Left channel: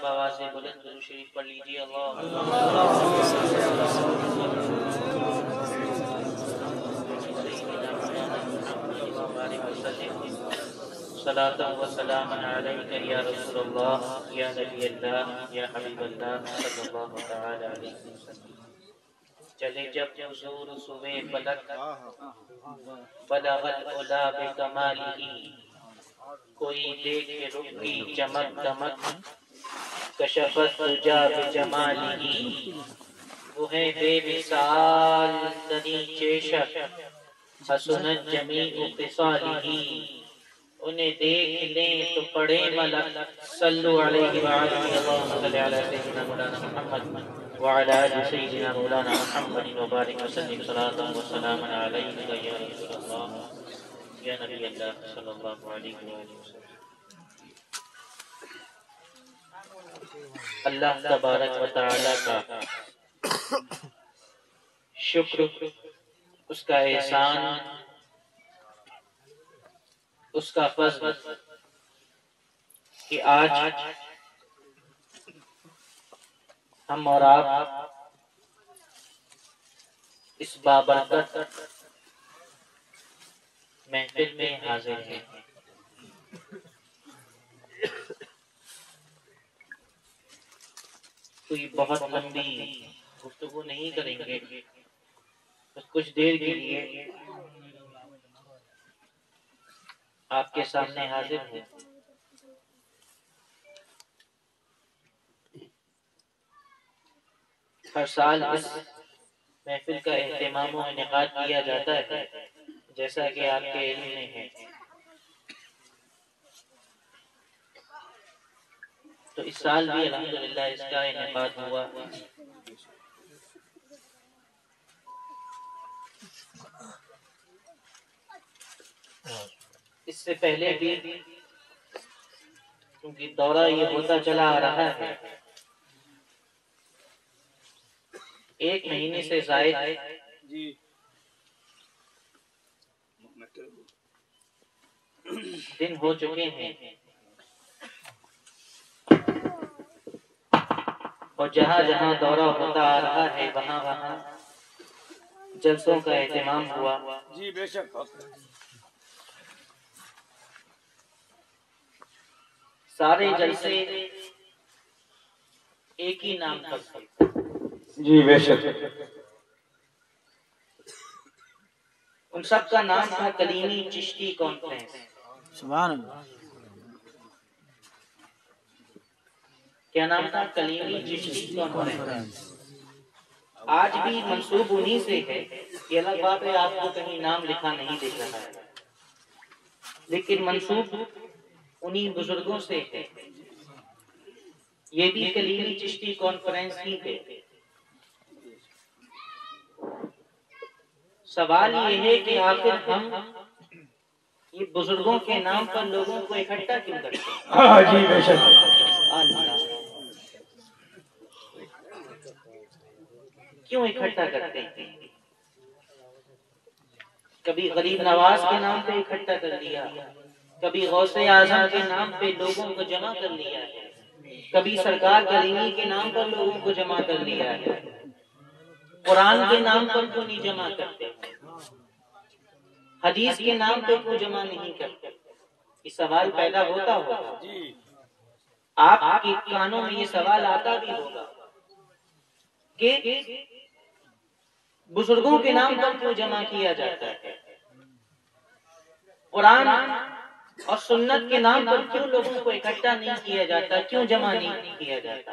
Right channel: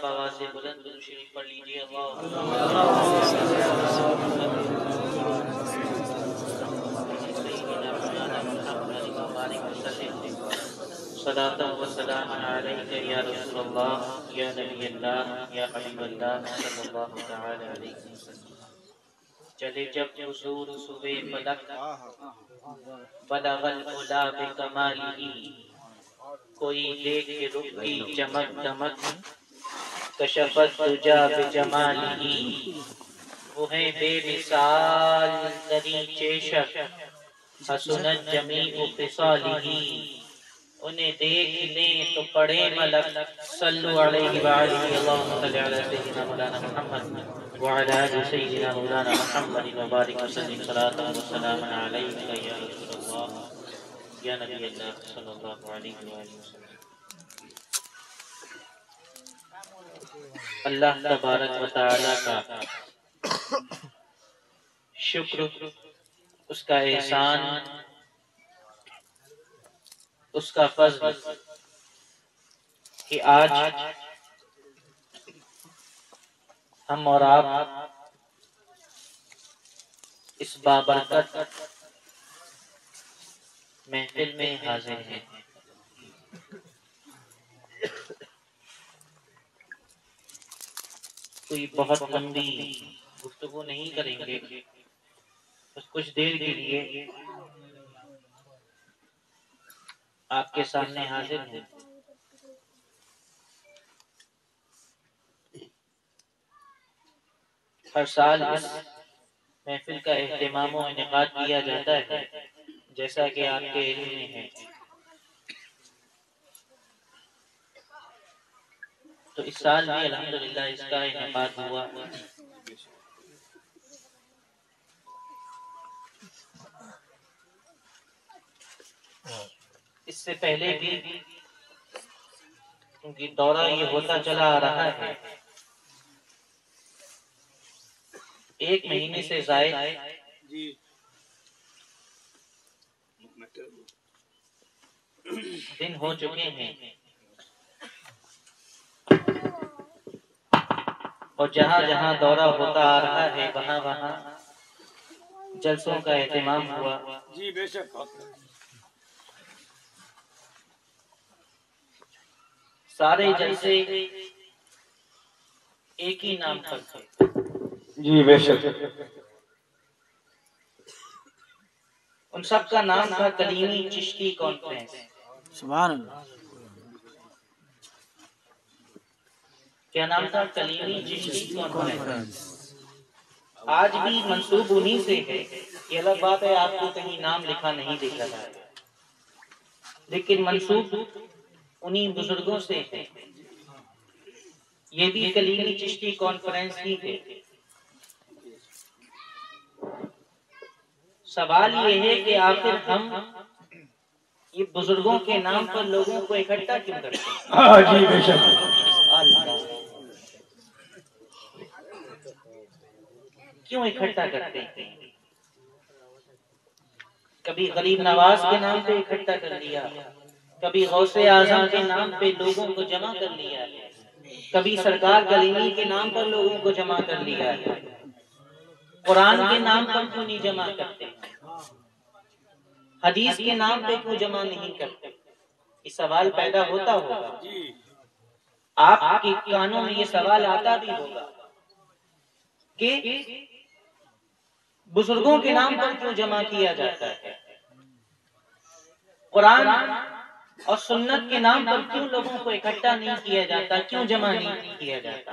مرتبہ آواز سے بلند درود شریف پڑھ لیجیے. سیدنا مولانا محمد مبارک وسلم صلاۃ و سلام علیک یا رسول اللہ یا نبی اللہ یا حبیب اللہ صلی اللہ تعالی علیہ وسلم. چلے جب حضور صبح فلک بلغ العلا بکمالہ، کوئی دیکھ رخ کی چمک دمک کشفت دجا بجمالہ. وہ ہے بے مثال ترین چیشک حسنت جمیع خصالہ. انہیں دیکھ لیں تو پڑے ملک صلو علیہ وآلہ اللہم صلی علی سیدنا مولانا محمد وعلی آل سیدنا مولانا محمد وبارک وسلم صلاۃ و سلام علیک یا رسول اللہ یا نبی اللہ صلی اللہ علیہ وآلہ وسلم. اللہ تبارک و تعالی کا شکر، اس کا احسان، اس کا فضل کہ آج ہم اور آپ اس بابرکت محفل میں حاضر ہیں. کوئی بہت لمبی گفتگو نہیں کریں گے، بس کچھ دیر کے لیے آپ کے سامنے حاضر ہیں. ہر سال اس محفل کا اہتمام و انعقاد کیا جاتا ہے جیسا کہ آپ کے علم میں ہے. تو اس سال بھی الحمدللہ اس کا انعقاد ہوا. اس سے پہلے بھی کیونکہ دورہ یہ ہوتا چلا آ رہا ہے، 1 مہینے سے زائد دن ہو چکے ہیں، اور جہاں جہاں دورہ ہوتا آ رہا ہے وہاں وہاں جلسوں کا اہتمام ہوا. جی بے شک. سارے جلسے ایک ہی نام پر تھے. جی بے شک. ان سب کا نام تھا کلیمی چشتی کانفرنس. سبحان اللہ. کیا نام تھا؟ کلیمی چشتی کانفرنس. آج بھی منسوب انہی سے ہے. یہ الگ بات ہے آپ کو کہیں نام لکھا نہیں دکھ رہا ہے، لیکن منسوب انہی بزرگوں سے ہے. یہ بھی کلیمی چشتی کانفرنس ہی ہے. سوال یہ ہے کہ آخر ہم یہ بزرگوں کے نام پر لوگوں کو اکٹھا کیوں کرتے ہیں؟ جی بے شک. کیوں اکٹھا کرتے ہیں؟ کبھی غریب نواز کے نام پہ اکٹھا کر لیا، کبھی غوث اعظم کے نام پہ لوگوں کو جمع کر لیا ہے، کبھی سرکار کریمی کے نام پر لوگوں کو جمع کر لیا ہے. قرآن کے نام پر کیوں نہیں جمع کرتے؟ حدیث کے نام پہ کیوں جمع نہیں کرتے؟ یہ سوال پیدا ہوتا ہوگا. آپ کے کانوں میں یہ سوال آتا بھی ہوگا کہ بزرگوں کے نام پر کیوں جمع کیا جاتا ہے؟ قرآن اور سنت کے نام پر کیوں لوگوں کو اکٹھا نہیں کیا جاتا؟ کیوں جمع نہیں کیا جاتا؟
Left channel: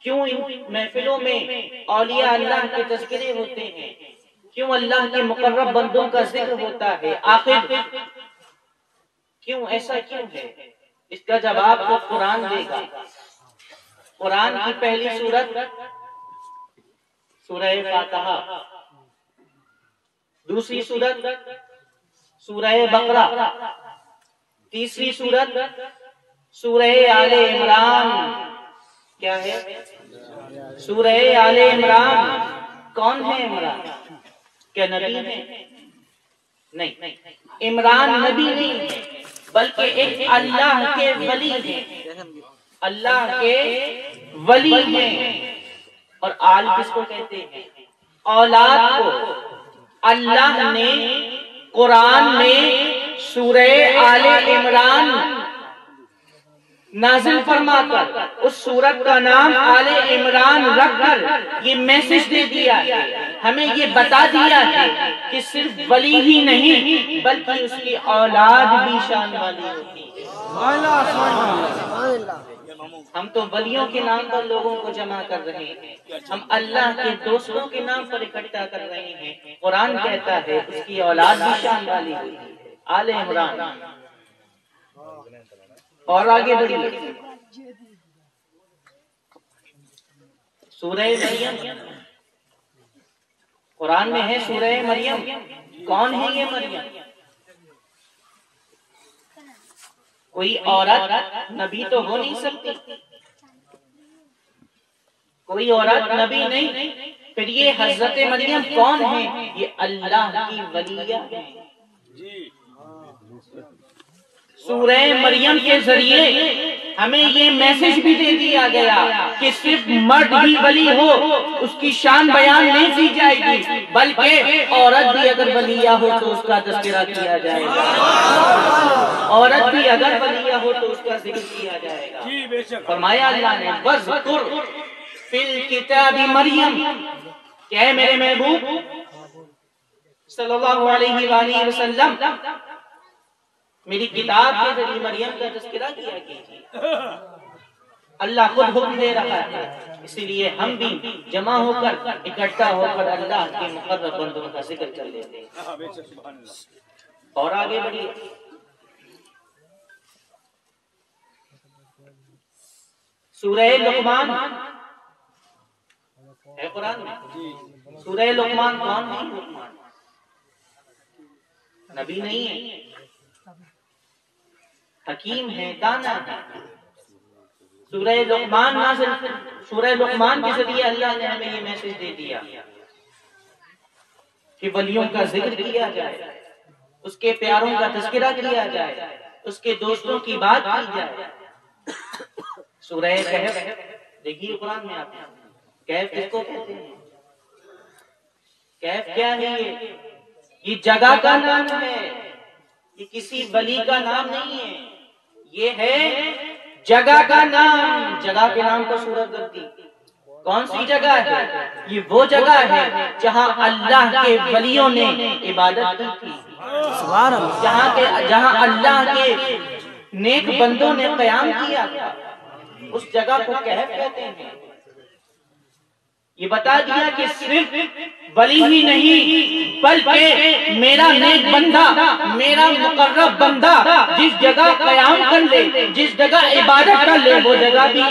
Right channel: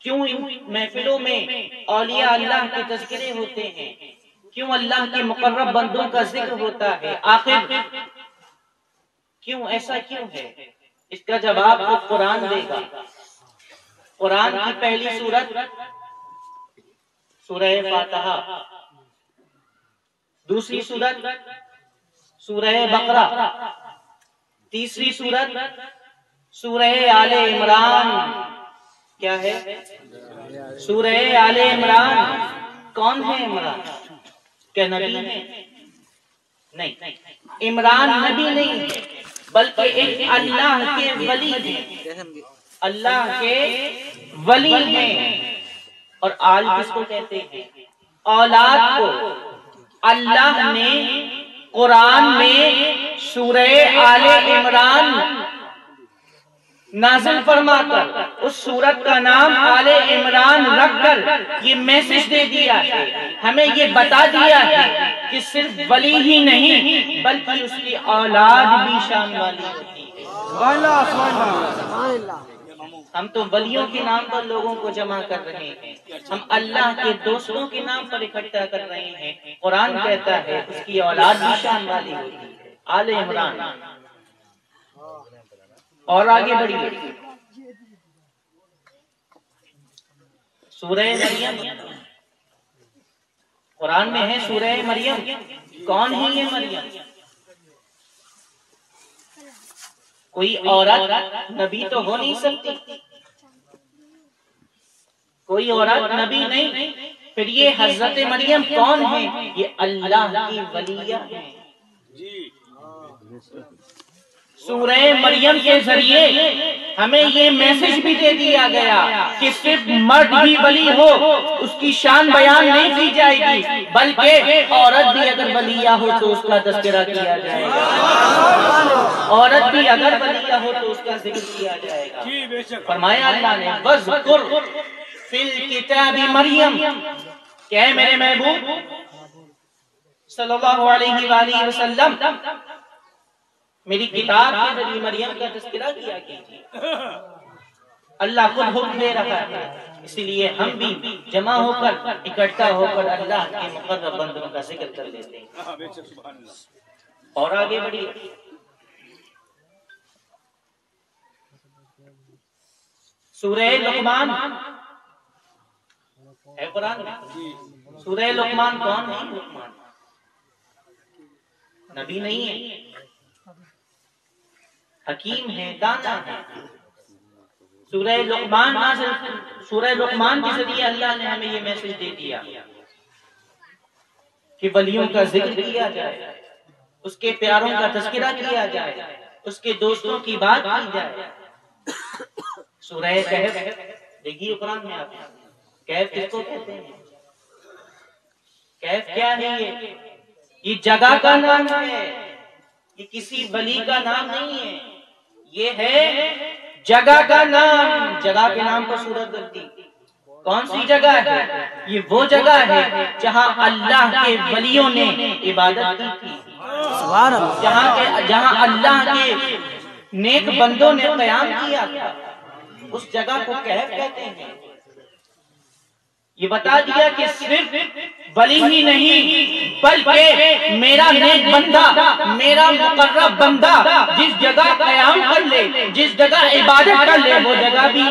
کیوں ان محفلوں میں اولیاء اللہ کے تذکرے ہوتے ہیں؟ کیوں اللہ کے مقرب بندوں کا ذکر ہوتا ہے؟ آخر کیوں ایسا کیوں ہے؟ اس کا جواب خود قرآن دے گا. قرآن کی پہلی سورت سورہ فاتحہ، دوسری سورت سورہ بقرہ، تیسری سورت سورہ آل عمران. کیا ہے؟ سورہ آل عمران. کون ہے عمران؟ کیا نبی ہے؟ نہیں، عمران نبی نہیں ہے. بلکہ ایک اللہ کے ولی ہیں، اللہ کے ولی ہیں۔ اور آل کس کو کہتے ہیں؟ اولاد کو۔ اللہ نے قرآن میں سورہ آل عمران نازل فرما کر اس سورت کا نام آل عمران رکھ کر یہ میسج دے دیا ہے، ہمیں یہ بتا دیا ہے کہ صرف ولی ہی نہیں بلکہ اس کی اولاد بھی شان والی ہوتی ہے۔ ہم تو ولیوں کے نام پر لوگوں کو جمع کر رہے ہیں، ہم اللہ کے دوستوں کے نام پر اکٹھا کر رہے ہیں۔ قرآن کہتا ہے اس کی اولاد بھی شان والی ہوتی ہے۔ آل عمران۔ اور آگے بڑھیے، سورہ مریم قرآن میں ہے، سورہ مریم۔ کون ہے یہ مریم؟ کوئی عورت نبی تو ہو نہیں سکتی، کوئی عورت نبی نہیں، پھر یہ حضرت مریم کون ہے؟ یہ اللہ کی ولیہ ہے۔ سورہ مریم کے ذریعے ہمیں یہ میسج بھی دے دیا گیا کہ صرف مرد ہی ولی ہو اس کی شان بیان نہیں کی جائے گی، بلکہ عورت بھی اگر ولیہ ہو تو اس کا تذکرہ کیا جائے گا، عورت بھی اگر ولیہ ہو تو اس کا ذکر کیا جائے گا۔ فرمایا اللہ نے وَاذْكُرْ فِي الْكِتَابِ مریم، کہ اے میرے محبوب صلی اللہ علیہ وآلہ وسلم میری کتاب کے ذریعے مریم کا تذکرہ کیا کیجیے۔ اللہ خود حکم دے رہا ہے، اسی لیے ہم بھی جمع ہو کر اکٹھا ہو کر اللہ کے مقرب بندوں کا ذکر کر لیتے ہیں۔ اور آگے بڑھیے، سورہ لقمان ہے قرآن میں۔ سورہ لقمان کون ہے؟ لقمان نبی نہیں ہے، حکیم ہے، دانا ہے۔ سورہ لقمان نازل، سورہ لقمان کے ذریعے اللہ نے ہمیں یہ میسج دے دیا کہ ولیوں کا ذکر کیا جائے، اس کے پیاروں کا تذکرہ کیا جائے، اس کے دوستوں کی بات کی جائے۔ سورہ کہف دیکھیے قرآن میں، آپ کہف کس کو کہتے ہیں؟ کہف کیا ہے؟ یہ جگہ کا نام ہے، یہ کسی ولی کا نام نہیں ہے، یہ ہے جگہ کا نام۔ جگہ کے نام پر سورت کرتی، کون سی جگہ ہے؟ یہ وہ جگہ ہے جہاں اللہ کے ولیوں نے عبادت کی تھی، جہاں اللہ کے نیک بندوں نے قیام کیا تھا، اس جگہ کو کہف کہتے ہیں۔ یہ بتا دیا کہ صرف ولی ہی نہیں بلکہ میرا نیک بندہ، میرا مقرب بندہ جس جگہ قیام کر لے، جس جگہ عبادت کر لے، وہ جگہ بھی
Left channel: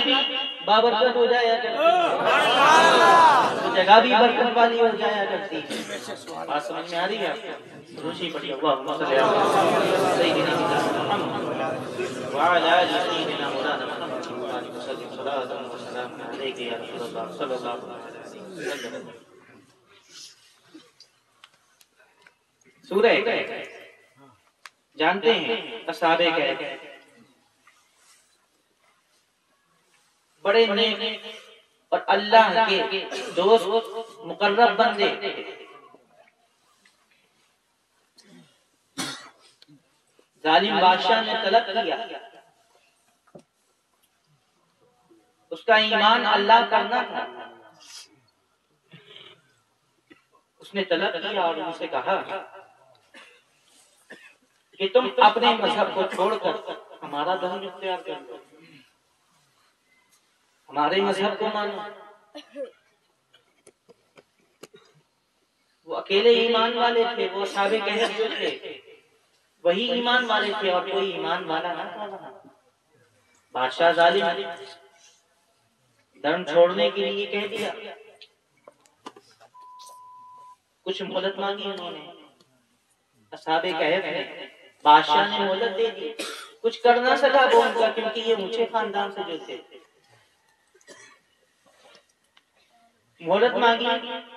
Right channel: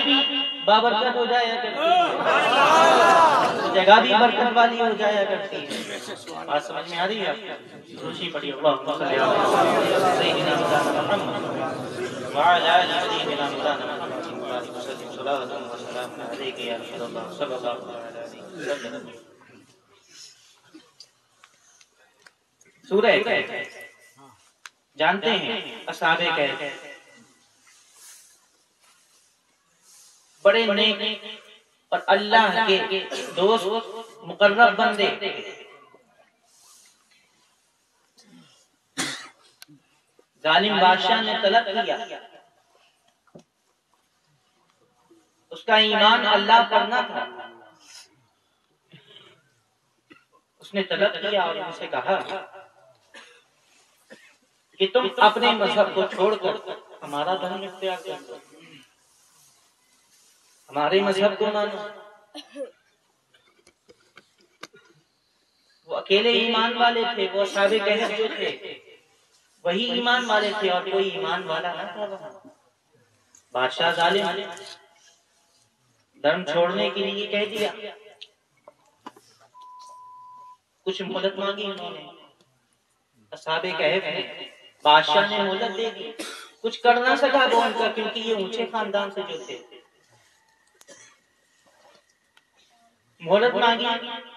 بابرکت ہو جایا کرتی ہے، وہ جگہ بھی برکت والی ہو جایا کرتی ہے۔ بات سمجھ میں آ رہی ہے؟ روشی پڑھی اللہم صلی علی سیدنا محمد وعلی آل سیدنا محمد صلاۃ و سلام علیک یا رسول اللہ صلی اللہ علیہ وسلم۔ سورہ کہف جانتے ہیں، اصحاب کہف بڑے نیک اور اللہ کے دوست مقرب بندے، ظالم بادشاہ نے طلب کیا، اس کا ایمان اللہ پر نہ تھا، اس نے طلب کیا اور ان سے کہا کہ تم اپنے مذہب کو چھوڑ کر ہمارا دھرم اختیار کر لو، ہمارے مذہب کو مانو۔ وہ اکیلے ایمان والے تھے، وہ اصحاب کہف جو تھے وہی ایمان والے تھے، اور کوئی ایمان والا نہ تھا وہاں۔ بادشاہ ظالم دھرم چھوڑنے کے لیے کہہ دیا، کچھ مہلت مانگی انہوں نے، اصحاب کہف نے، بادشاہ نے مہلت دے دی، کچھ کر نہ سکا وہ ان کا، کیونکہ یہ اونچے خاندان سے جو تھے۔ مہلت مانگی،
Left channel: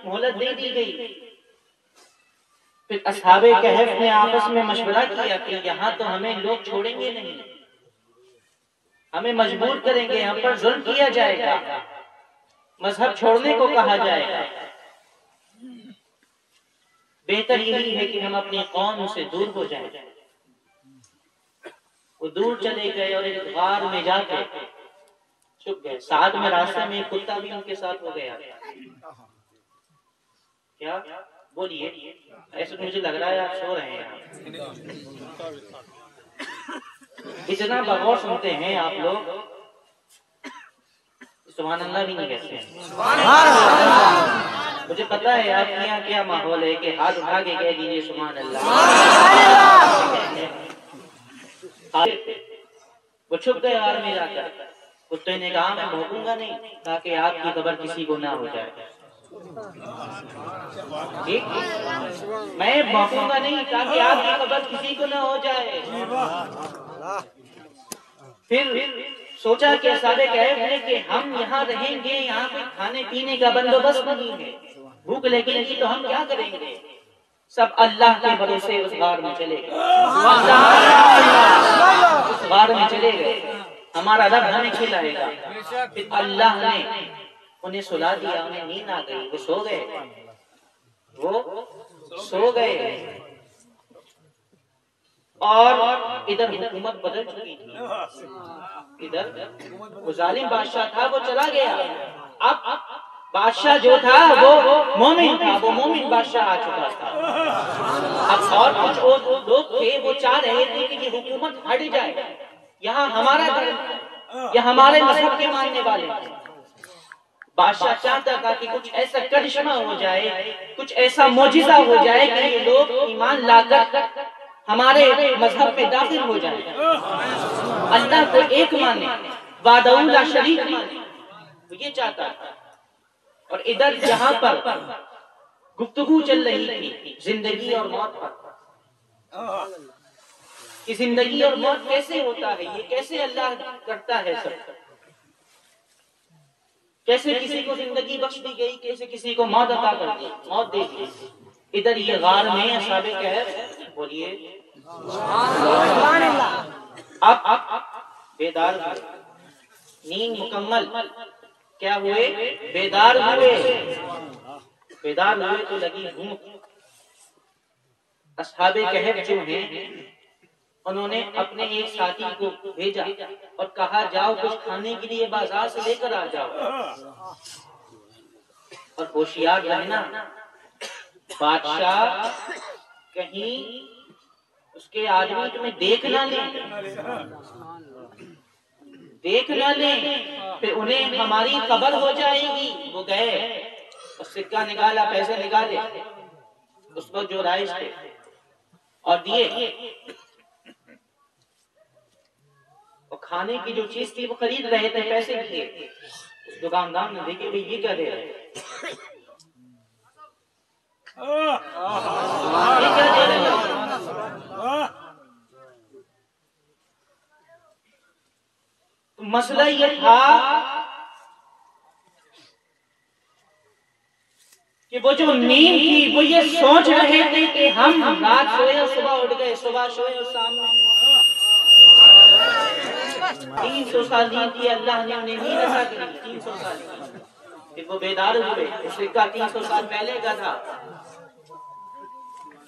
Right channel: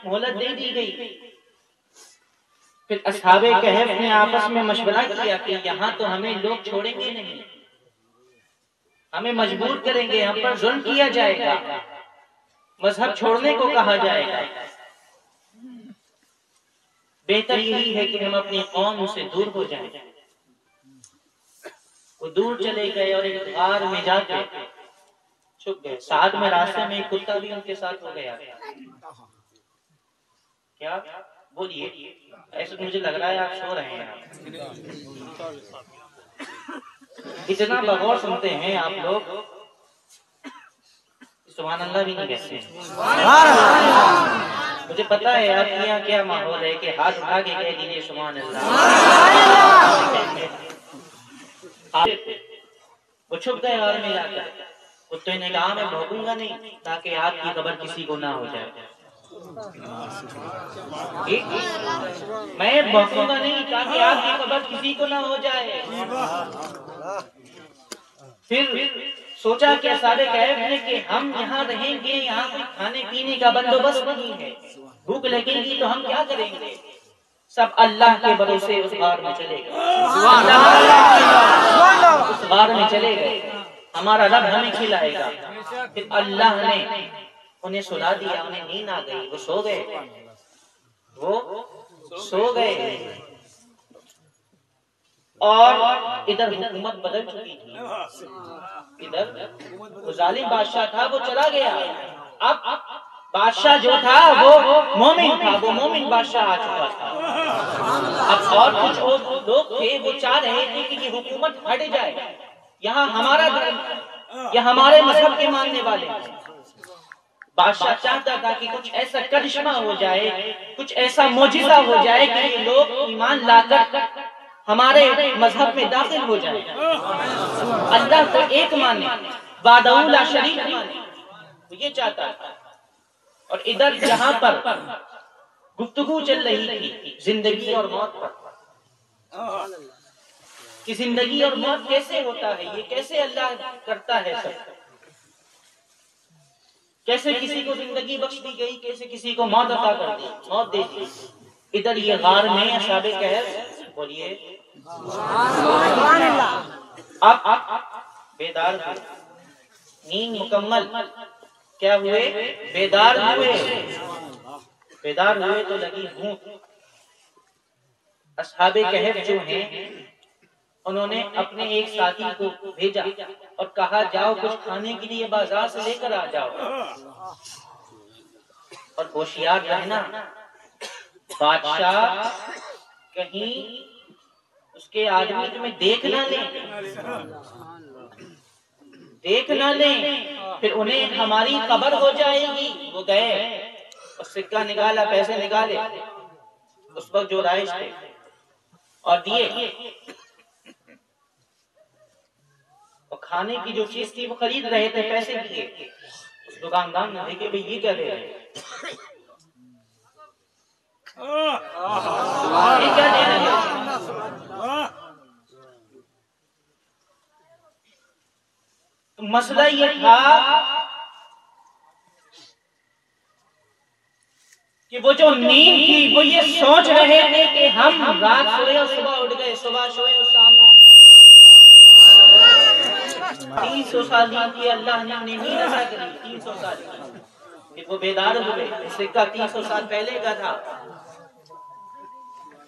مہلت دے دی گئی، پھر اصحاب کہف نے آپس میں مشورہ کیا کہ یہاں تو ہمیں لوگ چھوڑیں گے نہیں، ہمیں مجبور کریں گے، ہم پر ظلم کیا جائے گا، مذہب چھوڑنے کو کہا جائے گا، بہتر یہی ہے کہ ہم اپنی قوم سے دور ہو جائیں۔ وہ دور چلے گئے اور ایک غار میں جا کے چھپ گئے۔ ساتھ میں راستے میں ایک کتا بھی ان کے ساتھ ہو گیا۔ کیا بولیے؟ ایسے مجھے لگ رہا ہے آپ سو رہے ہیں۔ اتنا بغور سنتے ہیں آپ لوگ، سبحان اللہ بھی نہیں کہتے ہیں۔ مجھے پتا ہے آپ کے یہاں کیا ماحول ہے کہ ہاتھ اٹھا کے کہہ دیجیے سبحان اللہ۔ وہ چھپ گئے غار میں جا کر۔ کتے نے کہا میں بھونکوں گا نہیں تاکہ آپ کی خبر کسی کو نہ ہو جائے، میں بھونکوں گا نہیں تاکہ آپ کی خبر کسی کو نہ ہو جائے۔ پھر سوچا کہ اصحاب کہف نے کہ ہم یہاں رہیں گے، یہاں کوئی کھانے پینے کا بندوبست نہیں ہے، بھوک لگے گی تو ہم کیا کریں گے؟ سب اللہ کے بھروسے اس غار میں چلے گئے۔ اس غار میں چلے گئے، ہمارا رب ہمیں کھلائے گا۔ پھر اللہ نے انہیں سلا دیا، انہیں نیند آ گئی، وہ سو گئے، وہ سو گئے۔ اور ادھر حکومت بدل چکی تھی، ادھر وہ ظالم بادشاہ تھا وہ چلا گیا، اب بادشاہ جو تھا وہ مومن تھا، وہ مومن بادشاہ آ چکا تھا۔ اب اور کچھ لوگ تھے وہ چاہ رہے تھے کہ یہ حکومت ہٹ جائے، یہاں ہمارا دھرم، یہ ہمارے مذہب کے ماننے والے ہیں۔ بادشاہ چاہتا تھا کہ کچھ ایسا کرشمہ ہو جائے، کچھ ایسا معجزہ ہو جائے کہ یہ لوگ ایمان لا کر ہمارے مذہب میں داخل ہو جائے، اللہ کو ایک مانے، وحدہ لا شریک مانے، وہ یہ چاہتا تھا۔ اور ادھر جہاں پر گفتگو چل رہی تھی زندگی اور موت پر، کہ زندگی اور موت کیسے ہوتا ہے، یہ کیسے اللہ کرتا ہے سب، کیسے کسی کو زندگی بخش دی گئی، کیسے کسی کو موت عطا کر دی، موت دے دی۔ ادھر یہ غار میں اصحاب کہف بولیے اب بیدار ہوئے، نیند مکمل، کیا ہوئے؟ بیدار ہوئے۔ بیدار ہوئے تو لگی بھوک۔ اصحاب کہف جو ہیں انہوں نے اپنے ایک ساتھی کو بھیجا اور کہا جاؤ کچھ کھانے کے لیے بازار سے لے کر آ جاؤ، اور ہوشیار رہنا، بادشاہ کہیں اس کے آدمی تمہیں دیکھ نہ لیں، دیکھ نہ لیں، پھر انہیں ہماری خبر ہو جائے گی۔ وہ گئے اور سکہ نکالا، پیسے نکالے، اس وقت جو رائج تھے، اور دیے، اور کھانے کی جو چیز تھی وہ خرید رہے تھے، پیسے دیے۔ اس دکاندار نے دیکھے بھئی یہ کیا دے رہے ہیں، یہ کیا دے رہے ہیں؟ مسئلہ یہ تھا کہ وہ جو نیند تھی وہ یہ سوچ رہے تھے کہ ہم رات سوئے اور صبح اٹھ گئے، صبح سوئے اور سامنے 300 سال نیند کی، اللہ نے انہیں نیند عطا کری 300 سال کی۔ پھر وہ بیدار ہوئے، اس سکہ 300 سال پہلے کا تھا۔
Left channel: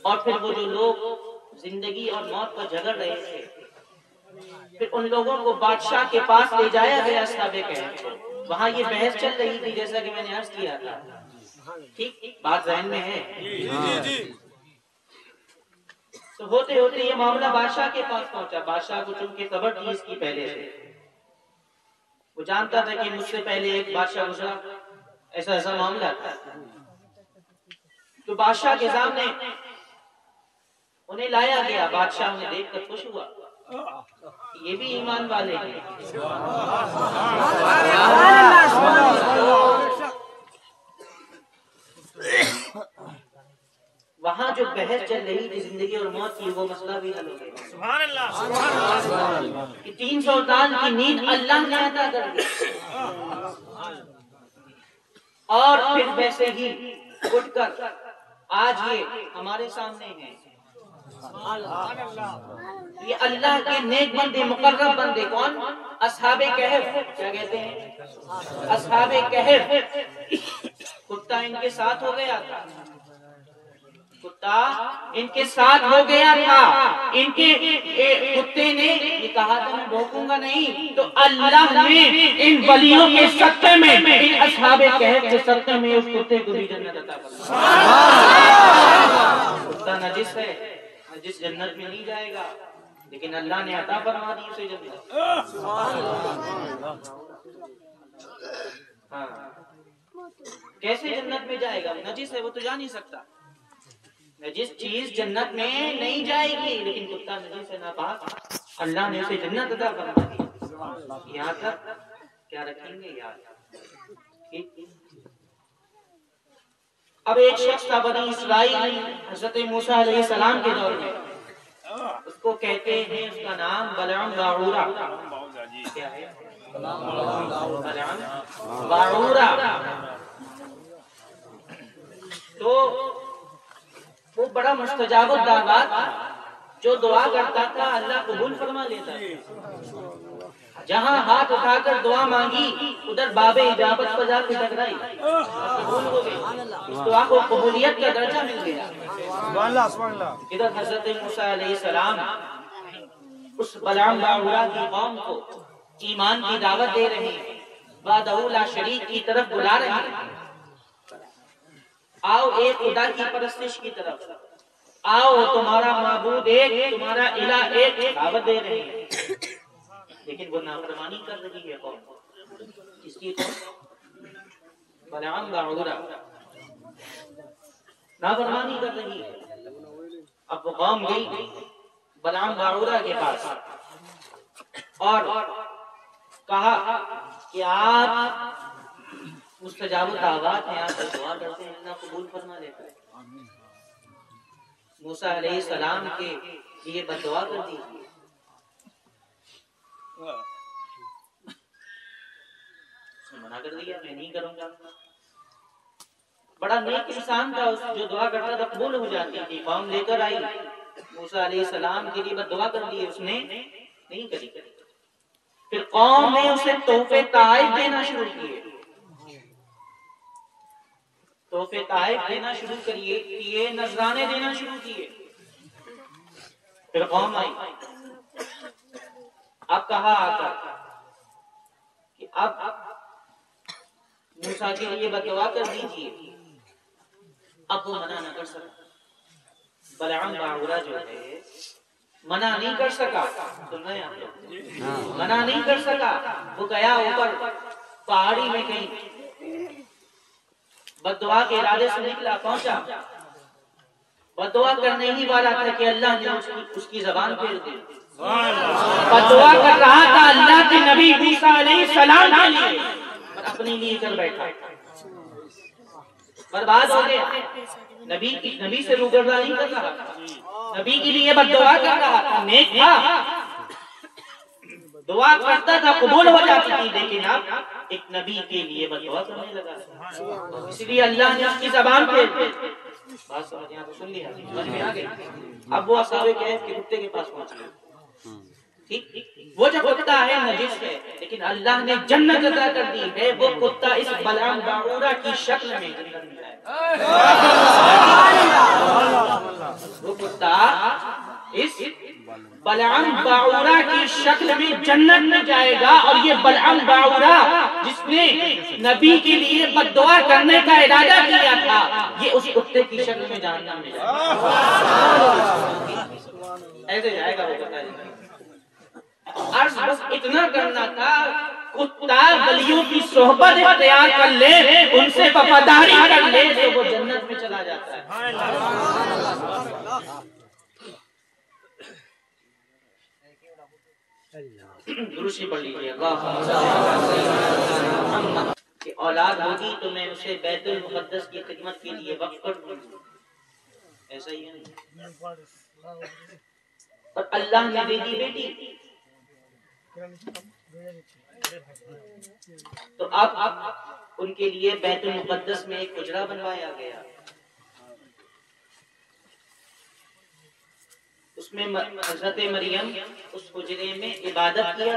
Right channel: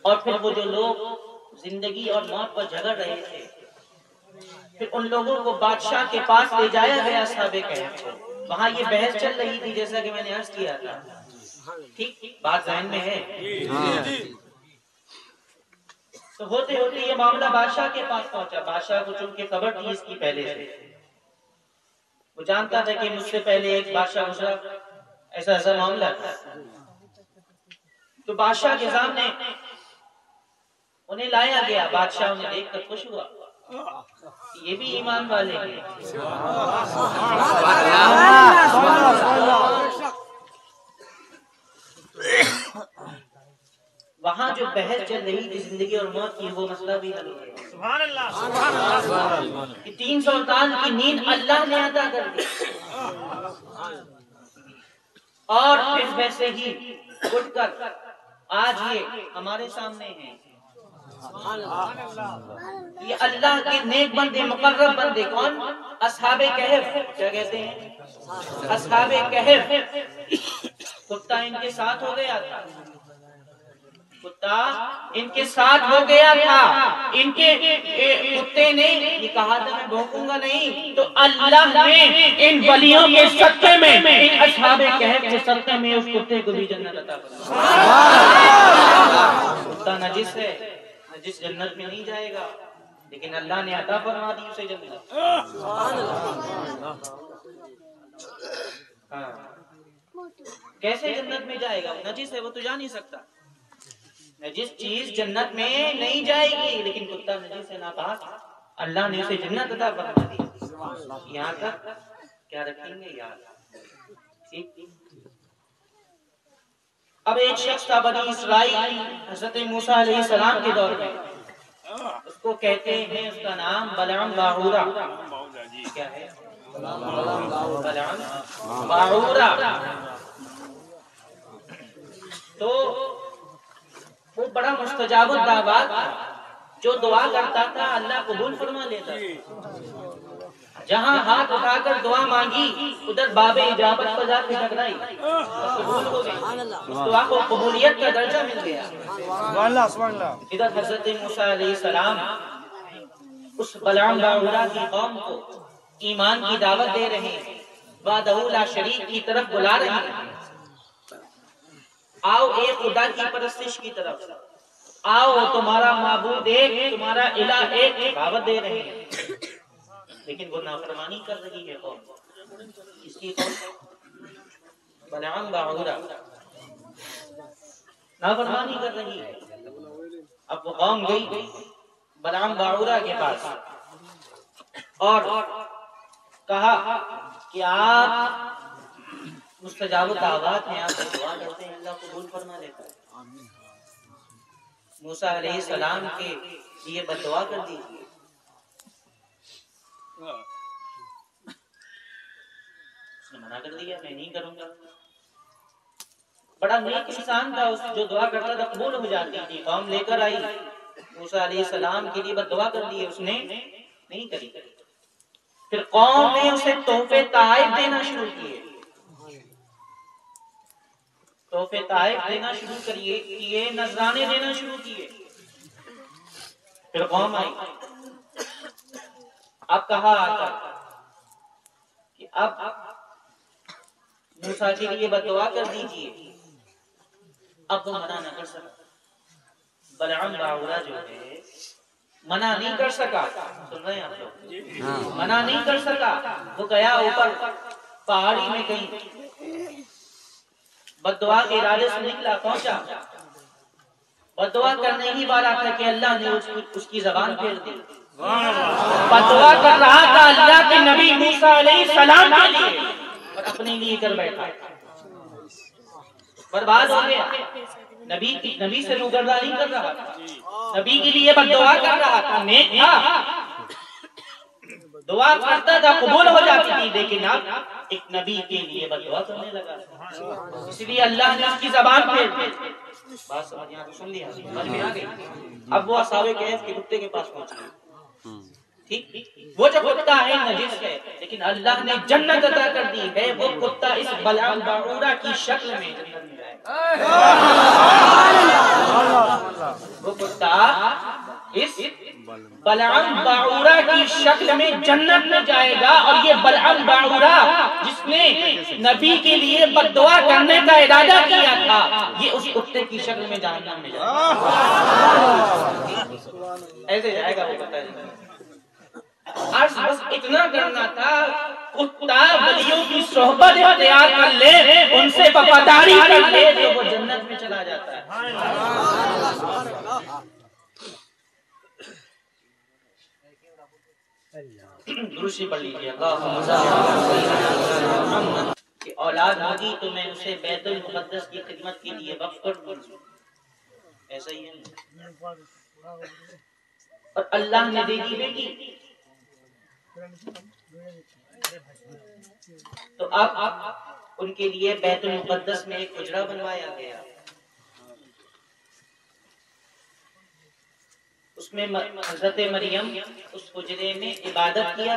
اور پھر وہ جو لوگ زندگی اور موت پر جھگڑ رہے تھے، پھر ان لوگوں کو بادشاہ کے پاس لے جایا گیا اصحاب کہف کو۔ وہاں یہ بحث چل رہی تھی جیسا کہ میں نے عرض کیا تھا، ٹھیک بات ذہن میں ہے؟ تو ہوتے ہوتے یہ معاملہ بادشاہ کے پاس پہنچا۔ بادشاہ کو چونکہ خبر تھی اس کی پہلے سے، وہ جانتا تھا کہ مجھ سے پہلے ایک بادشاہ گزرا، ایسا ایسا معاملہ تھا۔ تو بادشاہ کے سامنے انہیں لایا گیا، بادشاہ انہیں دیکھ کر خوش ہوا، یہ بھی ایمان والے ہیں۔ وہاں جو بحث چل رہی تھی زندگی اور موت کی، وہ مسئلہ بھی حل ہو گیا۔ 300 سال کی نیند اللہ نے عطا کر دی، اور پھر ویسے ہی اٹھ کر آج یہ ہمارے سامنے ہیں. یہ اللہ کے نیک بندے، مقرب بندے. کون؟ اصحاب کہف. کیا کہتے ہیں؟ اصحاب کہف. کتا ان کے ساتھ ہو گیا تھا. کتا ان کے ساتھ ہو گیا تھا. ان کے کتے نے یہ کہا تھا میں بھوکوں گا نہیں، تو اللہ نے ان ولیوں کے صدقے میں، ان اصحاب کہف کے صدقے میں اس کتے کو بھی جنت عطا فرمایا. کتا نجس ہے، نجس جنت میں نہیں جائے گا، لیکن اللہ نے عطا فرما دی اسے جنت. کیسے جنت میں جائے گا؟ نجس ہے، وہ تو جا نہیں سکتا. نجس چیز جنت میں نہیں جائے گی، لیکن کتا نجس ہے، ناپاک. اللہ نے اسے جنت عطا فرما دی. یہاں تک کیا رکھیں گے یاد؟ ٹھیک. اب ایک شخص تھا بنی اسرائیل حضرت موسیٰ علیہ السلام کے دور میں. اس کو کہتے ہیں، اس کا نام بلعام باعورہ. کیا ہے؟ بلعام باعورہ. تو وہ بڑا مستجاب الدعوات تھا. جو دعا کرتا تھا اللہ قبول فرما لیتا تھا. جہاں ہاتھ اٹھا کر دعا مانگی ادھر باب اجابت پر جا کے ٹکرائی اور قبول ہو گئی. اس دعا کو قبولیت کا درجہ مل گیا. ادھر حضرت موسیٰ علیہ السلام اس بلعام باعورہ کی قوم کو ایمان کی دعوت دے رہے ہیں، وحدہ لا شریک کی طرف بلا رہے ہیں. آؤ ایک خدا کی پرستش کی طرف، آؤ تمہارا معبود ایک، تمہارا الہ ایک. دعوت دے رہے ہیں، لیکن وہ نافرمانی کر رہی ہے قوم. کس کی قوم؟ بلعام باعورہ نافرمانی کر رہی ہے. اب وہ قوم گئی بلعام باعورہ کے پاس اور کہا کہ آپ مستجاب الدعوات ہیں، آپ دعا کرتے ہیں اللہ قبول فرما لیتا ہے. موسیٰ علیہ السلام کے لیے بددعا کر دیجیے. اس نے منع کر دیا، میں نہیں کروں گا. بڑا نیک انسان تھا، جو دعا کرتا تھا قبول ہو جاتی تھی. قوم لے کر آئی، موسیٰ علیہ السلام کے لیے بددعا کر دی، اس نے نہیں کری. پھر قوم نے اسے تحفے تحائف دینا شروع کیے. تحفے تحائف دینا شروع کیے، نذرانے دینا شروع کیے. پھر قوم آئی. اب کہا آتا کہ اب موسیٰ کے لیے بددعا کر دیجیے. اب وہ منع نہ کر سکا. بلعام باعورہ جو ہے منع نہیں کر سکا. سن رہے ہیں آپ لوگ؟ منع نہیں کر سکا. وہ گیا اوپر پہاڑی میں کہیں بددعا کے ارادے سے نکلا، پہنچا. بددعا کرنے ہی والا تھا کہ اللہ نے اس کی زبان پھیر دی. بددعا کر رہا تھا اللہ کے نبی موسیٰ علیہ السلام کے لیے اور اپنے لیے کر بیٹھا. برباد ہو گیا. نبی سے روگردہ نہیں کر رہا تھا، نبی کے لیے بددعا کر رہا تھا. نیک تھا، دعا کرتا تھا قبول ہو جاتی تھی، لیکن اب ایک نبی کے لیے بددعا کرنے لگا. اس لیے اللہ نے اس کی زبان پھیر دی. بات سمجھ یہاں تو سن لیا، سمجھ میں آ گئی. اب وہ اصحاب کہف کے کتے کے پاس پہنچ گئے. ٹھیک، وہ جو کتا ہے نجس ہے، لیکن اللہ نے جنت عطا کر دی ہے. وہ کتا اس بلعام باعورہ کی شکل میں جنت میں جائے گا. وہ کتا اس بلعام باعورہ کی شکل میں جنت میں جائے گا. اور یہ بلعام باعورہ جس نے نبی کے لیے بددعا کرنے کا ارادہ کیا تھا، یہ اس کتے کی شکل میں جہنم میں جائے گا. ایسے جائے گا وہ کتا. عرض بس اتنا کرنا تھا، کتا ولیوں کی صحبت اختیار کر لے، ان سے وفاداری کر لے تو وہ جنت میں چلا جاتا ہے. درشی پڑھ لیجیے. کہ اولاد ہوگی تو میں اسے بیت المقدس کی خدمت کے لیے وقف کر دوں گی. ایسا ہی ہے. اور اللہ نے دے دی بیٹی. تو اب ان کے لیے بیت المقدس میں ایک حجرہ بنوایا گیا. اس میں حضرت مریم اس حجرے میں عبادت کیا،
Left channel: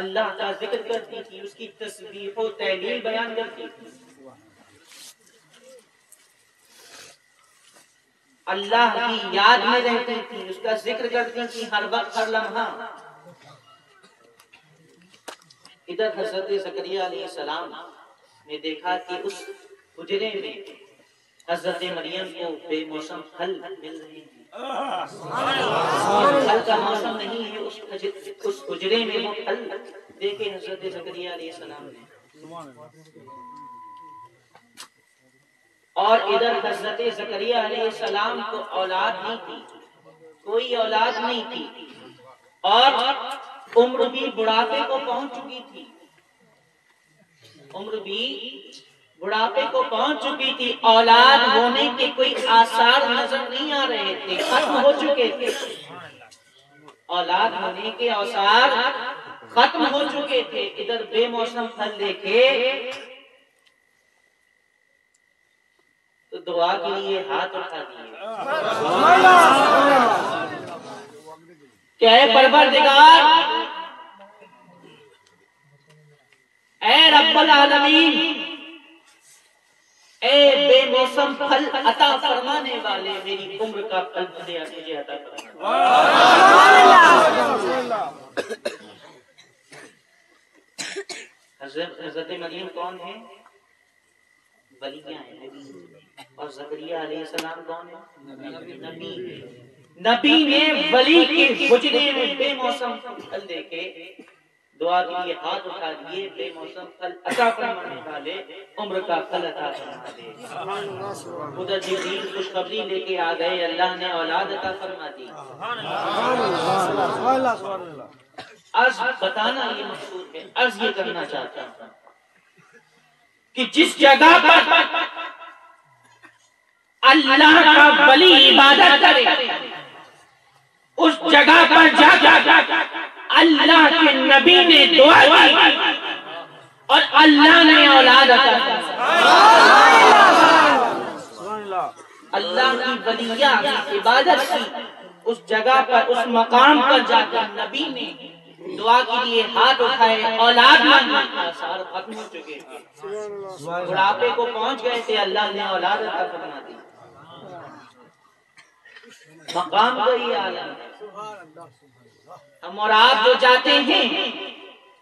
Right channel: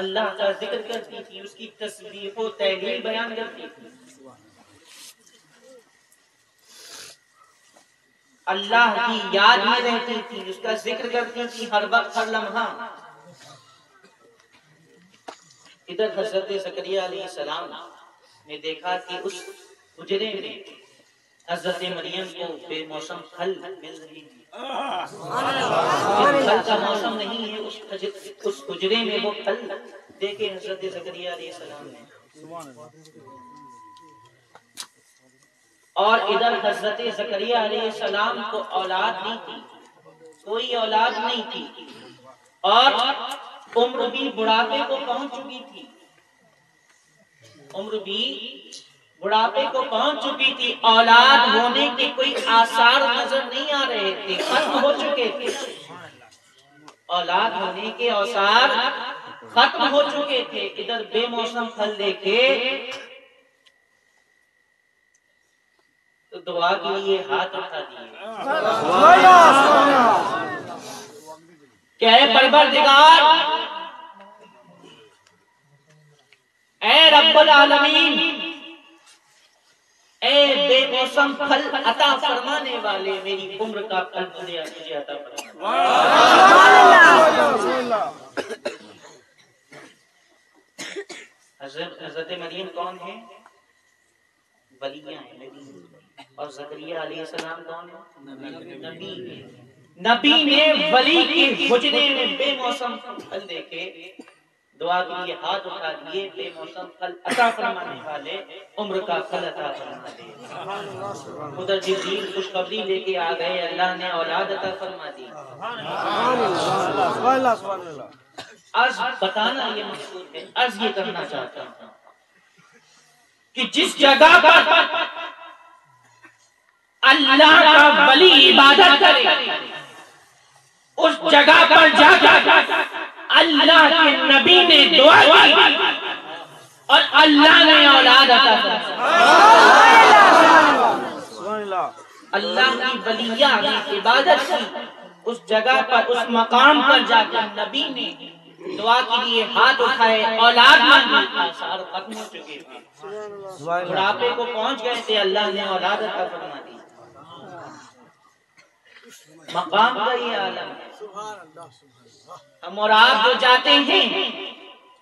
اللہ کا ذکر کرتی تھی، اس کی تسبیح و تحلیل بیان کرتی تھی، اللہ کی یاد میں رہتی تھی، اس کا ذکر کرتی تھی ہر وقت ہر لمحہ۔ ادھر حضرت زکریا علیہ السلام نے دیکھا کہ اس حجرے میں حضرت مریم کو بے موسم پھل مل رہے ہیں، پھل کا موسم نہیں ہے، اس حجرے میں وہ پھل دیکھے حضرت زکریا علیہ السلام نے۔ اور ادھر حضرت زکریا علیہ السلام کو اولاد نہیں تھی، کوئی اولاد نہیں تھی، اور عمر بھی بڑھاپے کو پہنچ چکی تھی، عمر بھی بڑھاپے کو پہنچ چکی تھی، اولاد ہونے کے کوئی آثار نظر نہیں آ رہے تھے، ختم ہو چکے تھے، اولاد ہونے کے آثار ختم ہو چکے تھے۔ ادھر بے موسم پھل دیکھے تو دعا کے لیے ہاتھ اٹھا دیے کہ اے پروردگار، اے رب العالمین، اے بے موسم پھل عطا فرمانے والے، میری عمر کا پھل مجھے عطا فرما۔ حضرت مریم کون ہے؟ ولیاں ہیں، نبی، اور زکریا علیہ السلام کون ہے؟ نبی۔ نبی نے ولی کے حجرے میں بے موسم پھل دیکھے، دعا کے لیے ہاتھ اٹھا دیے، بے موسم پھل عطا فرمانے والے، عمر کا پھل عطا فرما دے۔ ادھر جبریل خوشخبری لے کے آ گئے، اللہ نے اولاد عطا فرما دی۔ عرض بتانا یہ مقصود ہے، عرض یہ کرنا چاہتا ہوں کہ جس جگہ پر اللہ کا ولی عبادت کرے، اس جگہ پر جا کر اللہ کے نبی نے دعا کی اور اللہ نے اولاد عطا فرمائی۔ اللہ کی ولیہ کی عبادت کی، اس جگہ پر، اس مقام پر جا کر نبی نے دعا کے لیے ہاتھ اٹھائے، اولاد مانگی، آثار ختم ہو چکے تھے، بڑھاپے کو پہنچ گئے تھے، اللہ نے اولاد عطا فرما دی۔ مقام کا یہ عالم ہے۔ ہم اور آپ جو جاتے ہیں،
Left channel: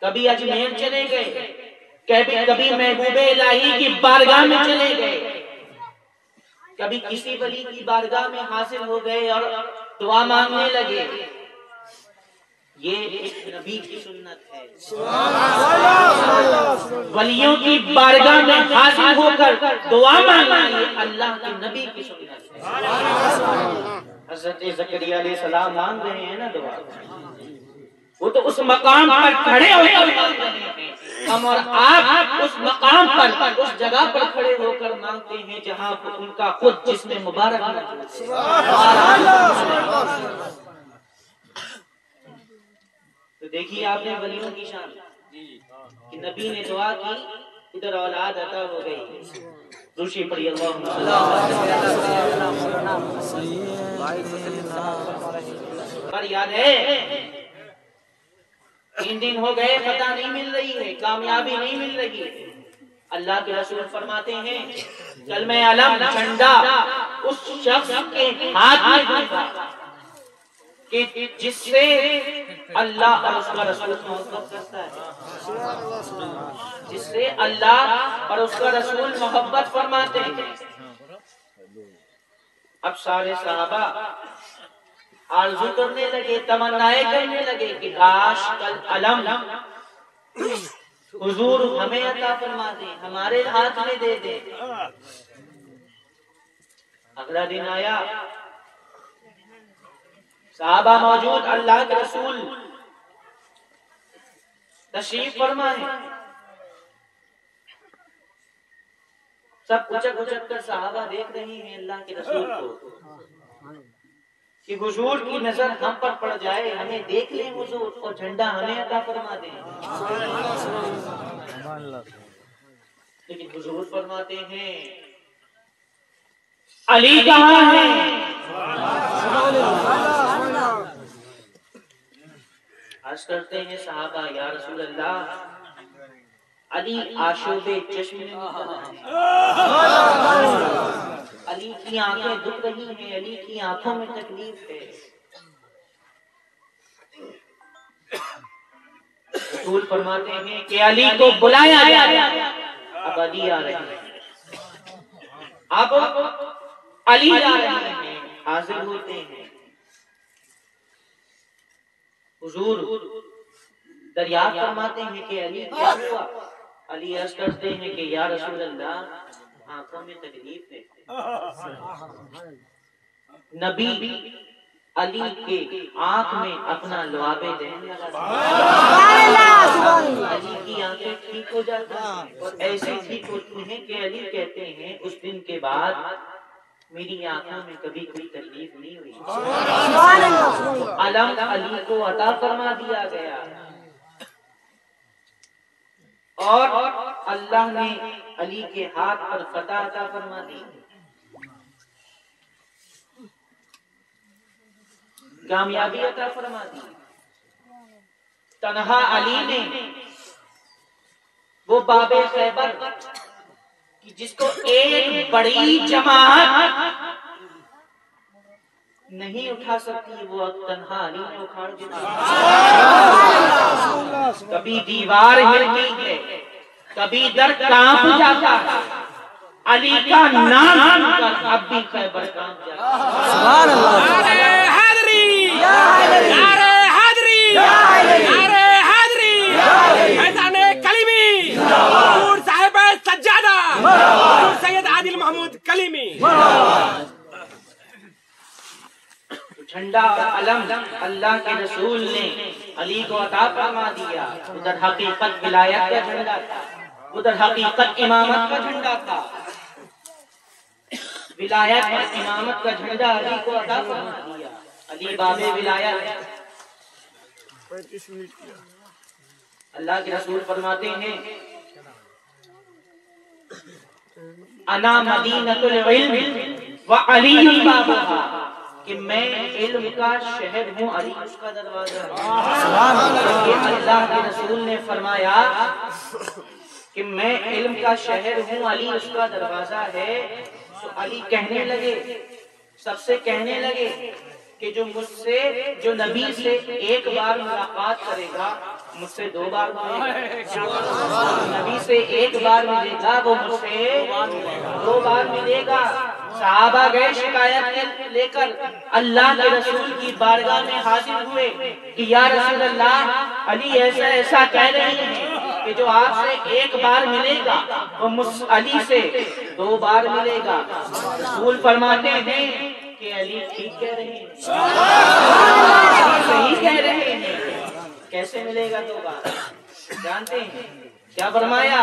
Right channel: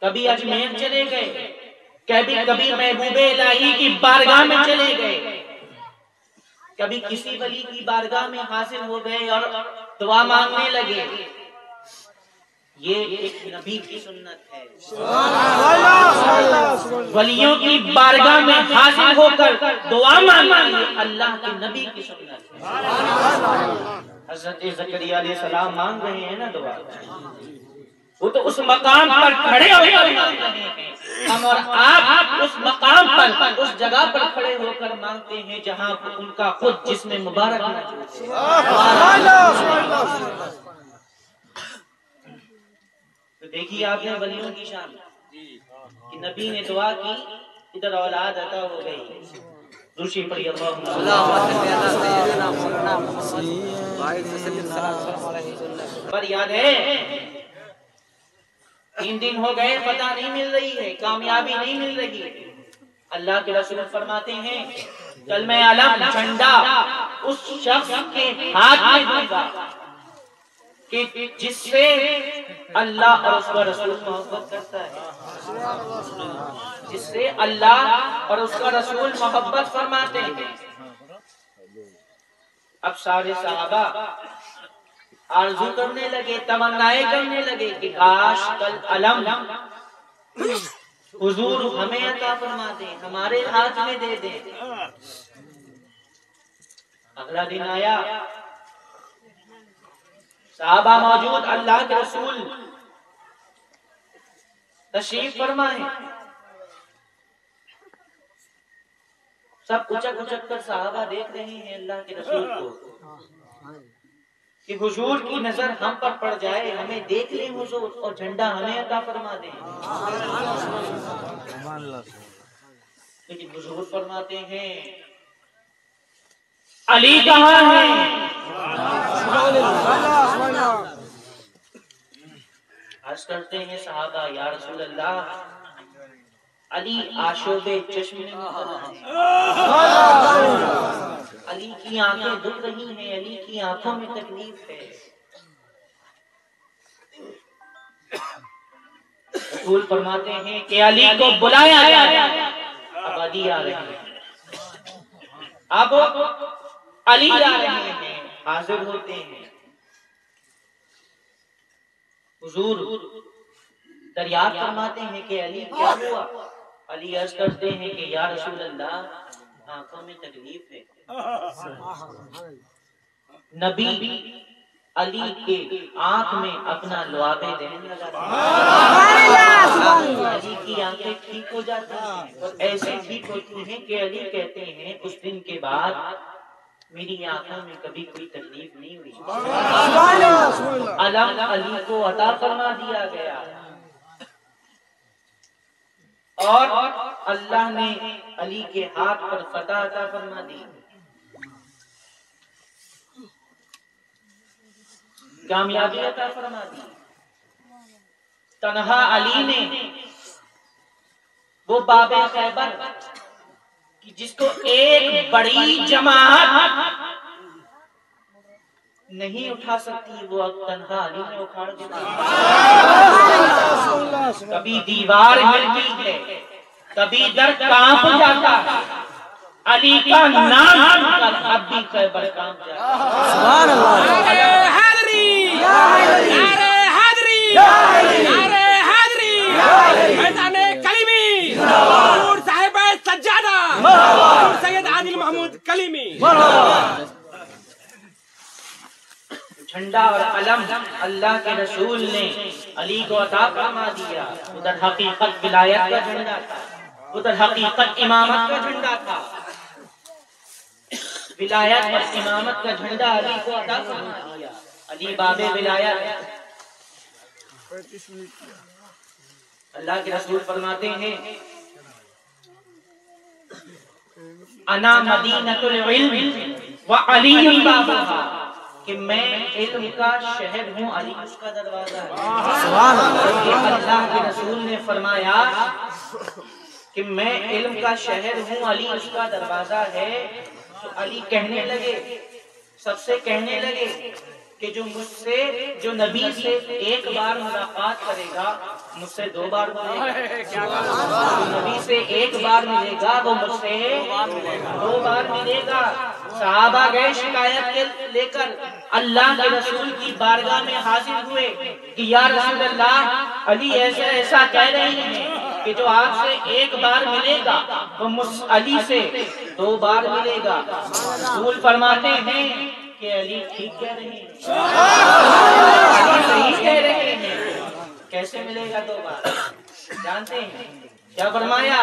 کبھی اجمیر چلے گئے، کبھی محبوب الہی کی بارگاہ میں چلے گئے، کبھی کسی ولی کی بارگاہ میں حاضر ہو گئے اور دعا مانگنے لگے، یہ ایک نبی کی سنت ہے۔ ولیوں کی بارگاہ میں حاضر ہو کر دعا مانگنا یہ اللہ کے نبی کی سنت ہے۔ حضرت زکریا علیہ السلام مانگ رہے ہیں نا دعا، وہ تو اس مقام پر کھڑے ہو کر مانگ رہے ہیں، ہم اور آپ اس مقام پر، اس جگہ پر کھڑے ہو کر مانگتے ہیں جہاں ان کا خود جسم مبارک موجود ہے۔ تو دیکھیے آپ نے ولیوں کی شان کہ نبی نے دعا کی، ادھر اولاد عطا ہو گئی۔ روشی پڑھی اللہم پر یاد ہے 3 دن ہو گئے، پتہ نہیں مل رہی ہے، کامیابی نہیں مل رہی ہے۔ اللہ کے رسول فرماتے ہیں کلمہ علم جھنڈا اس شخص کے ہاتھ میں دوں گا کہ جس سے اللہ اور اس کا رسول محبت کرتا ہے، جس سے اللہ اور اس کا رسول محبت فرماتے ہیں۔ اب سارے صحابہ آرزو کرنے لگے، تمنائیں کرنے لگے کہ کاش کل علم حضور ہمیں عطا فرما دیں، ہمارے ہاتھ میں دے دیں۔ اگلا دن آیا، صحابہ موجود، اللہ کے رسول تشریف فرمائے، سب اچک اچک کر صحابہ دیکھ رہے ہیں اللہ کے رسول کو کہ حضور کی نظر ہم پر پڑ جائے، ہمیں دیکھ لیں حضور اور جھنڈا ہمیں عطا فرما دیں۔ لیکن حضور فرماتے ہیں علی کہاں ہے؟ عرض کرتے ہیں صحابہ یا رسول اللہ علی آشوب چشم میں علی کی آنکھیں دکھ رہی ہیں، علی کی آنکھوں میں تکلیف ہے۔ رسول فرماتے ہیں کہ علی کو بلایا گیا ہے، اب علی آ رہے ہیں، اب علی آ رہے ہیں، حاضر ہوتے ہیں۔ حضور دریافت فرماتے ہیں کہ علی کیا ہوا؟ علی عرض کرتے ہیں کہ یا رسول اللہ آنکھوں میں تکلیف ہے۔ نبی علی کے آنکھ میں اپنا لعاب دہن لگاتے ہیں، علی کی آنکھیں ٹھیک ہو جاتی ہیں اور ایسے ٹھیک ہوتی ہیں کہ علی کہتے ہیں اس دن کے بعد میری آنکھوں میں کبھی کوئی تکلیف نہیں ہوئی۔ علم علی کو عطا فرما دیا گیا اور اللہ نے علی کے ہاتھ پر فتح عطا فرما دی، کامیابی عطا فرما دی۔ تنہا علی نے وہ باب خیبر کہ جس کو ایک بڑی جماعت نہیں اٹھا سکتی، وہ اب تنہا علی نے اکھاڑ دیا۔ کبھی دیوار ہلتی ہے، کبھی در کانپ جاتا ہے، علی کا نام سن کر اب بھی خیبر کانپ جاتا ہے۔ سبحان اللہ۔ سید عادل محمود کلیمی جھنڈا اور علم اللہ کے رسول نے علی کو عطا فرما دیا۔ ادھر حقیقت ولایت کا جھنڈا تھا، ادھر حقیقت امامت کا جھنڈا تھا۔ ولایت اور امامت کا جھنڈا علی کو عطا فرما دیا۔ علی باب ولایت۔ اللہ کے رسول فرماتے ہیں انا مدینۃ العلم وعلی بابھا، کہ میں علم کا شہر ہوں، علی اس کا دروازہ ہے۔ کہ اللہ کے رسول نے فرمایا کہ میں علم کا شہر ہوں، علی اس کا دروازہ ہے، تو علی کہنے لگے، سب سے کہنے لگے کہ جو نبی سے ایک بار ملاقات کرے گا مجھ سے 2 بار ملے گا، نبی سے ایک بار ملے گا وہ مجھ سے 2 بار ملے گا۔ صحابہ گئے شکایت لے کر اللہ کے رسول کی بارگاہ میں حاضر ہوئے کہ یا رسول اللہ علی ایسا ایسا کہہ رہے ہیں کہ جو آپ سے ایک بار ملے گا وہ علی سے 2 بار ملے گا۔ رسول فرماتے ہیں کہ علی ٹھیک کہہ رہے ہیں، صحیح کہہ رہے ہیں۔ کیسے ملے گا 2 بار؟ جانتے ہیں کیا فرمایا؟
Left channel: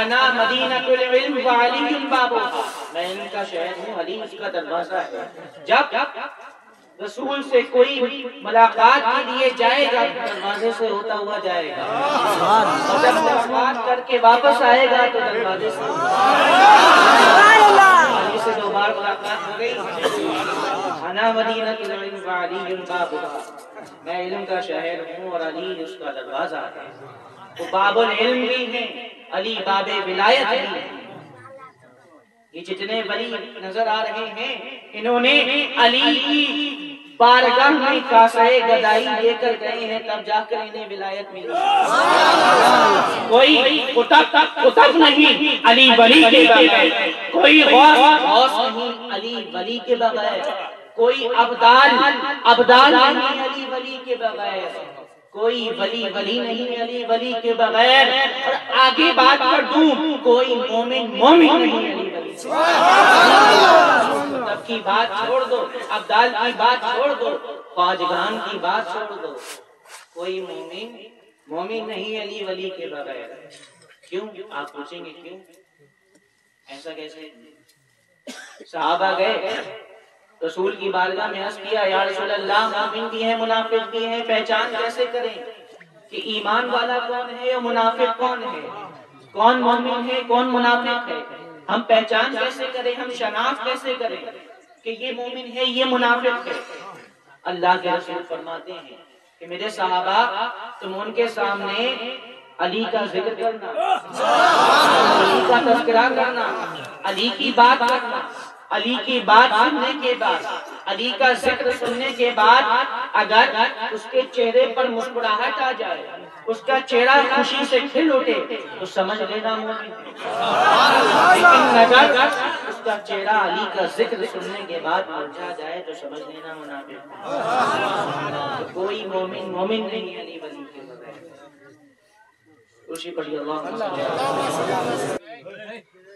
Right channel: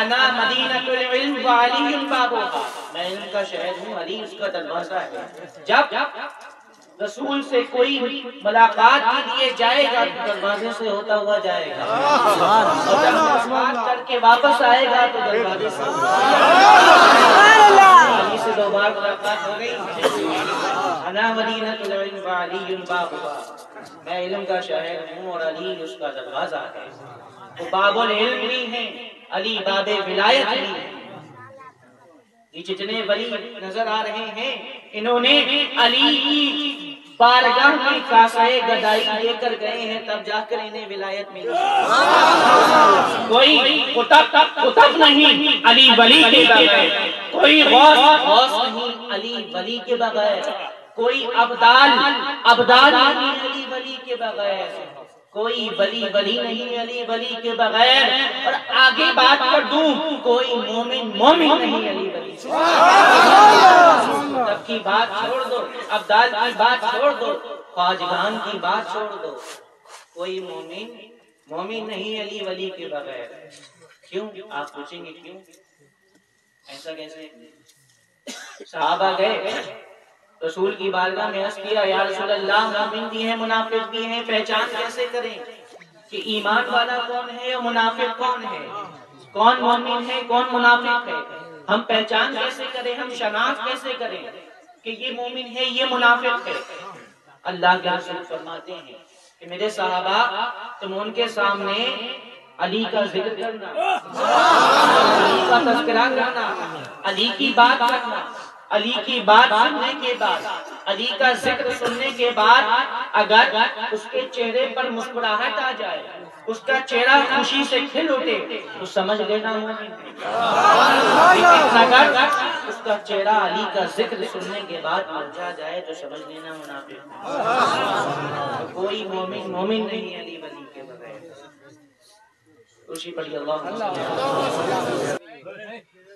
انا مدینۃ العلم وعلی بابھا، میں علم کا شہر ہوں، علی اس کا دروازہ ہے۔ جب رسول سے کوئی ملاقات کے لیے جائے گا تو دروازے سے ہوتا ہوا جائے گا، جب ملاقات کر کے واپس آئے گا تو دروازے سے علی سے 2 بار ملاقات ہو گئی۔ انا مدینۃ العلم وعلی بابھا، میں علم کا شہر ہوں اور علی اس کا دروازہ ہے۔ تو باب العلم بھی ہیں، علی باب ولایت بھی ہیں۔ یہ جتنے ولی نظر آ رہے ہیں انہوں نے علی کی بارگاہ میں کاسہ گدائی لے کر گئے ہیں، تب جا کر انہیں ولایت ملی۔ کوئی قطب نہیں علی ولی کے بغیر، کوئی غوث نہیں علی ولی کے بغیر، کوئی ابدال نہیں علی ولی کے بغیر، کوئی ولی نہیں علی ولی کے بغیر، اور آگے بات کر دوں کوئی مومن نہیں علی ولی کے بغیر۔ قطب کی بات چھوڑ دو، ابدال کی بات چھوڑ دو، خواجگان کی بات چھوڑ دو، کوئی مومن نہیں علی ولی کے بغیر۔ کیوں؟ آپ پوچھیں گے کیوں ایسا کیسے؟ صحابہ گئے رسول کی بارگاہ میں عرض کیا یا رسول اللہ مومن بھی ہیں منافق بھی ہیں، پہچان کیسے کریں کہ ایمان والا کون ہے اور منافق کون ہے، کون مومن ہے کون منافق ہے؟ ہم پہچان کیسے کریں، ہم شناخت کیسے کریں کہ یہ مومن ہے یہ منافق ہے؟ اللہ کے رسول فرماتے ہیں کہ میرے صحابہ تم ان کے سامنے علی کا ذکر کرنا، علی کا تذکرہ کرنا، علی کی بات کرنا، علی کی بات سننے کے بعد، علی کا ذکر سننے کے بعد اگر اس کے چہرے پر مسکراہٹ آ جائے، اس کا چہرہ خوشی سے کھل اٹھے تو سمجھ لینا مومن ہے۔ لیکن اگر اس کا چہرہ علی کا ذکر سننے کے بعد مرجھا جائے تو سمجھ لینا منافق ہے۔ کوئی مومن نہیں علی ولی کے بغیر۔ خوشی پڑھی اللہ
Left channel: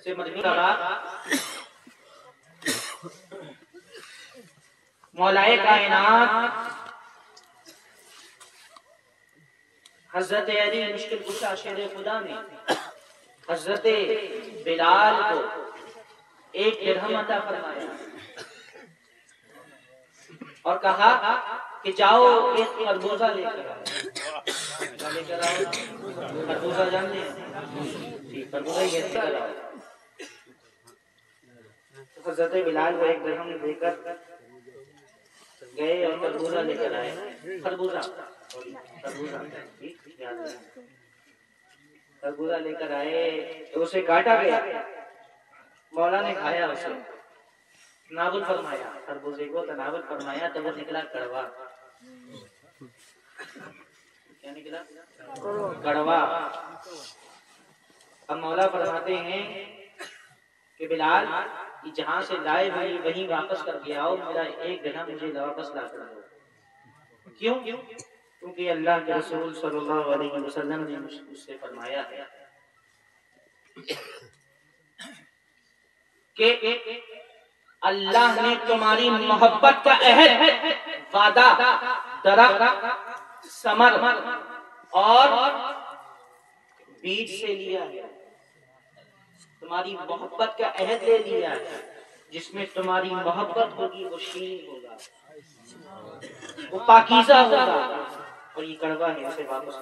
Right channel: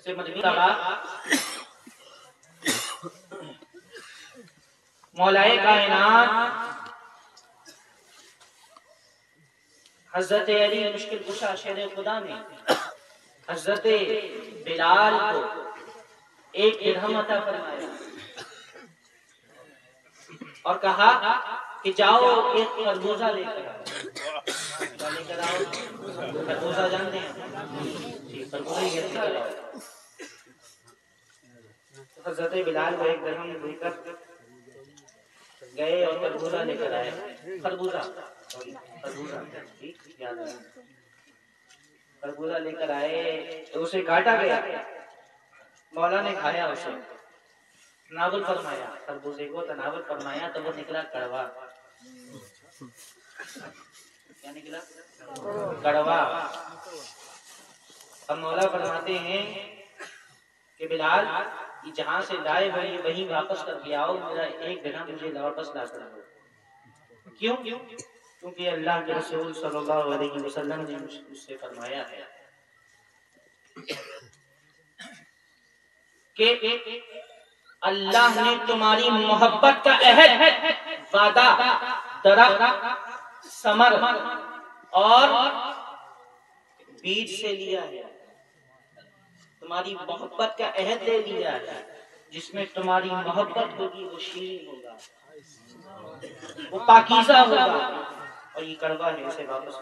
سے مدنی کہا مولائے کائنات حضرت علی مشکل کشا شیر خدا نے حضرت بلال کو 1 درہم عطا فرمایا اور کہا کہ جاؤ ایک خربوزہ لے کر آؤ۔ کیا لے کر آؤ؟ خربوزہ جانتے ہیں؟ جی خربوزہ ہی لے کر آؤ۔ حضرت بلال کو 1 درہم لے کر گئے اور خربوزہ لے کر آئے۔ خربوزہ لے کر آئے تو اسے کاٹا گیا، مولا نے کھایا، اسے تناول فرمایا، خربوزے کو تناول فرمایا تو وہ نکلا کڑوا۔ کیا نکلا؟ کڑوا۔ اور مولا فرماتے ہیں کہ بلال جہاں سے لائے وہیں واپس کر کے آؤ، میرا 1 درہم مجھے واپس لا کر دو۔ کیوں؟ کیونکہ اللہ کے رسول صلی اللہ علیہ وسلم نے مجھ سے فرمایا ہے کہ اللہ نے تمہاری محبت کا عہد، وعدہ، درخت، ثمر اور بیج سے لیا ہے۔ تمہاری محبت کا عہد لے لیا ہے، جس میں تمہاری محبت ہوگی وہ شیریں ہوگا، وہ پاکیزہ ہوگا، اور یہ کڑوا ہے، اسے واپس